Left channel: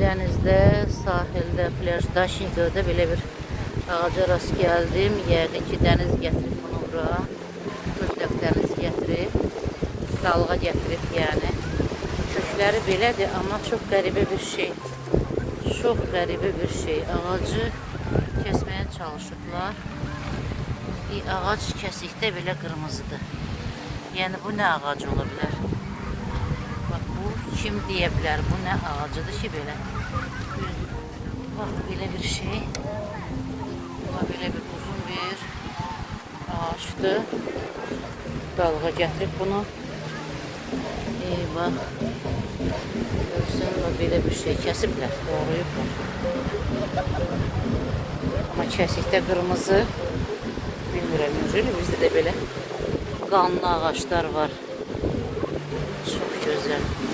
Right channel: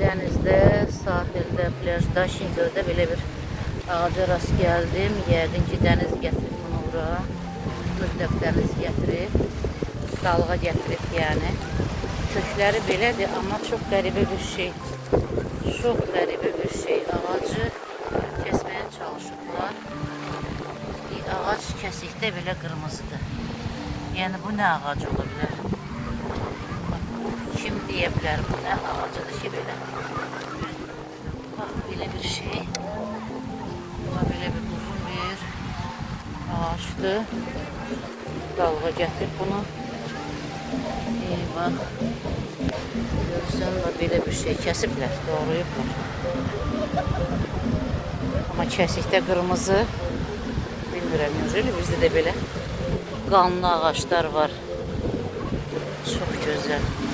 dənizdə, sahildə, plajda, Şinzödə belə bir ağaca rast gəldim. Yəqin ki, dəniz gətirib bunu bura. Mütləq dəniz gətirib. Dalğa gətirib yəni. Kökləri belədir, amma çox qəribə bir şey. Çox qəribə bir şey. Ağacı kəsməyə çalışıblar. Bir ağac kəsikdə belə qırmızıdır. Yəni bu nə ağacı ola bilər? Bax, bu kim deyə bilər? Bu nə ağacıdır ki belə? Bax, belə bir şey. Buna belə bir uzun bir ağaçdır. Dalğa gətirib bunu. Bax. Görürsən, belə bir şey kəsiblər, doğrayıblar. Amma kəsikdə qırmızı. Bilmirəm, necədir, bizdə də belə qanlı ağaçlar var. Çox gözəl.